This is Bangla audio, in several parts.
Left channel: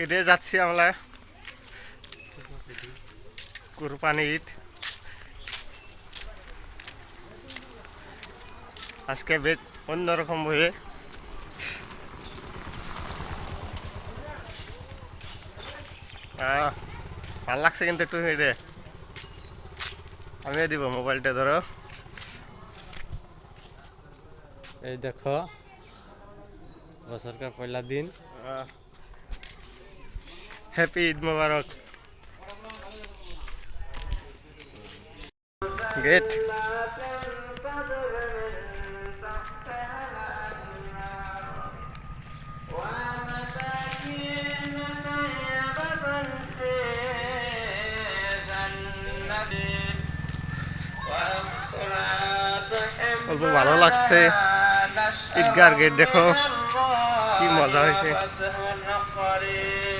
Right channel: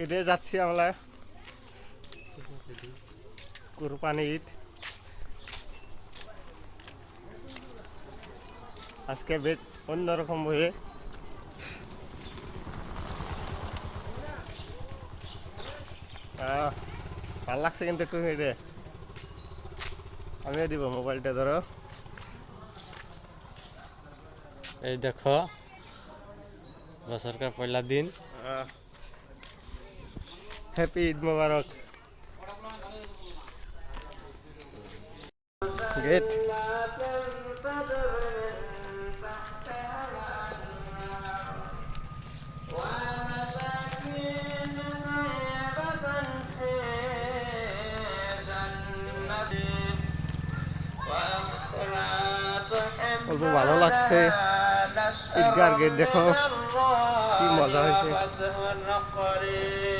ঈদে যাচ্ছি আমরা, কুরবানি ঈদ। আজকে বেশ অন্যরকম হয়ে ভাল লাগছে কিন্তু একটু হেঁটে। আমিও দিব, মোবাইলটা ধরো। এই দেখো বছরকার পয়লা দিন। হ্যাপি ঈদ মোবারক। গেট অল্প ভালো লাগছে। ঈদগার গেট দেখো কি মজা হয়েছে।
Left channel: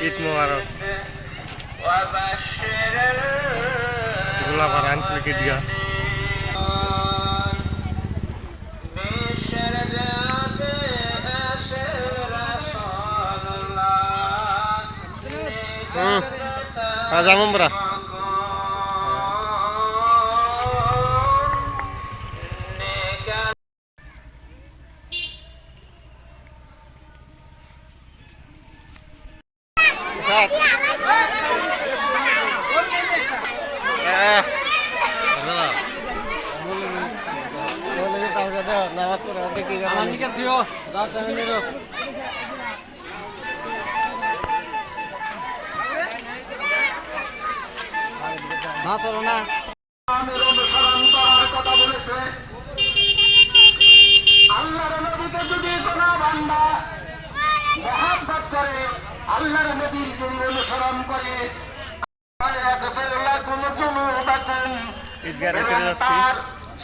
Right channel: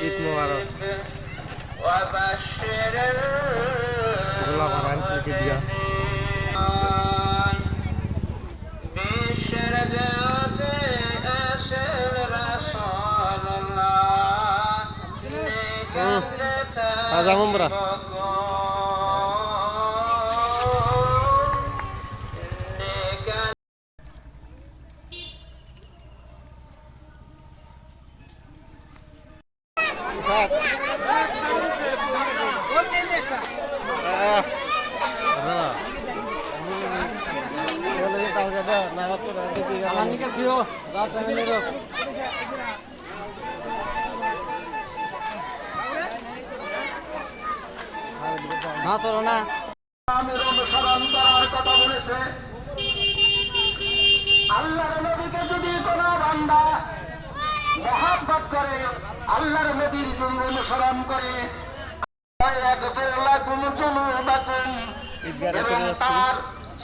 ঈদ মোবারক। গোলাপাড়া আঞ্চলিক ঈদগাহ। যাবো আমরা। মহাব্বত করে, আল্লাহর নবীর যদি অনুসরণ করে,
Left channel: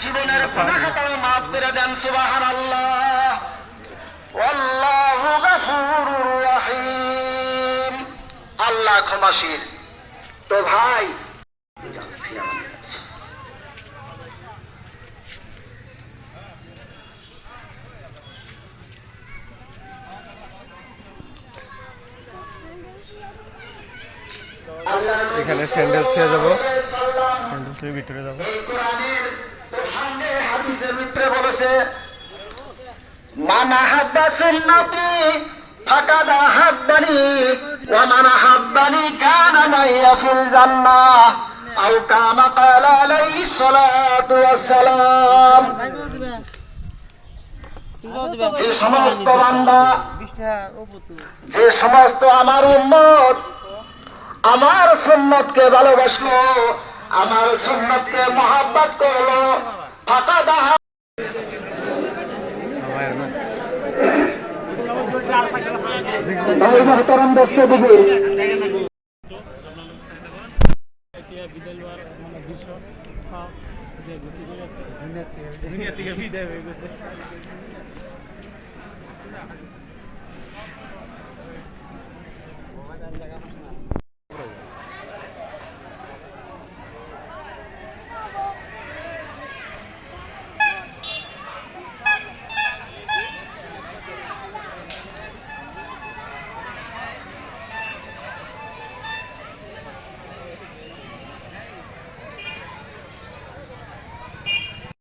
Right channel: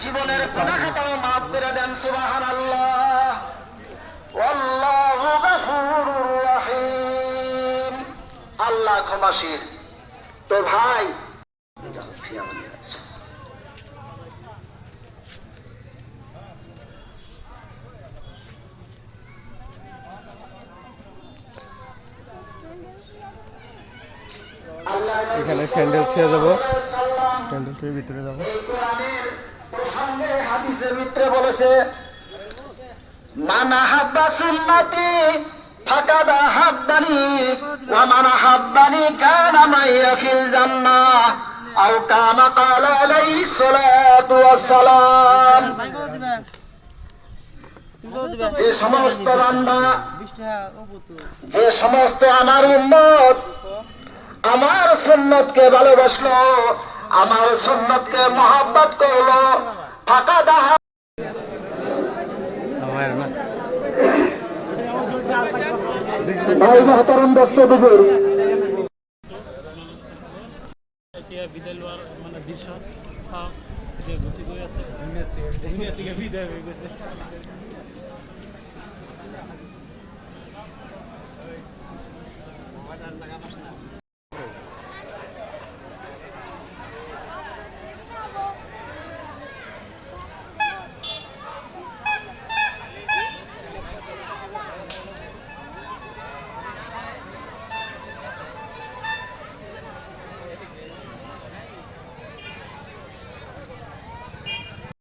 জীবনের গুনাহটাও মাফ করে দেন। সুবহানাল্লাহ। আল্লাহু গফুরুর রহিম। আল্লাহ ক্ষমাশীল। তো ভাই এখানে স্যান্ডেল ছুঁয়ে যাবো, স্যান্ডেল ছুঁয়ে ভিতরে যাবো। হাদিসের ভিতরে বলেছে, মান আহাব্বা সুন্নতি ফাকাদ আহাব্বানি ওয়া মান আহাব্বানি কানা মাইয়া ফিল জান্নাহ আও কামা ক্বালা আলাইহিস সালাতু ওয়াস সালাম। যে সমস্ত বান্দা, যে সমস্ত আমার উম্মত আমার সুন্নতকে ভালোবাসলো, আমার সুন্নতকে মহব্বত করলো, ফাঁকা দাহা মহতরম দোস্ত বুজুর্গ,